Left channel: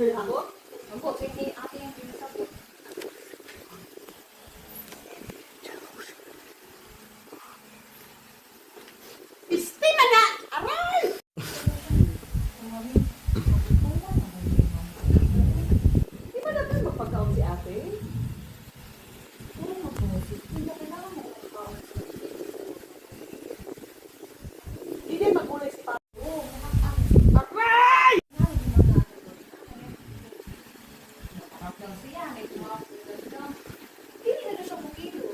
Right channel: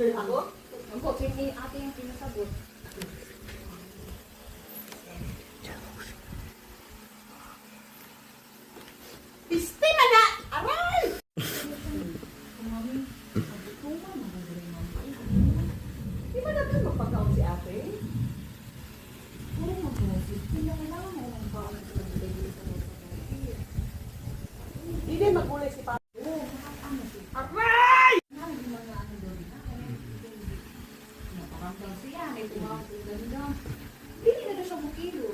Ako? Ako, sige, ate yung pinasabot. Piste man na! Aray! Di ba naman magpagkaon si ate? Di din magulay si Papa. Aray! Hindi na siya bukilo.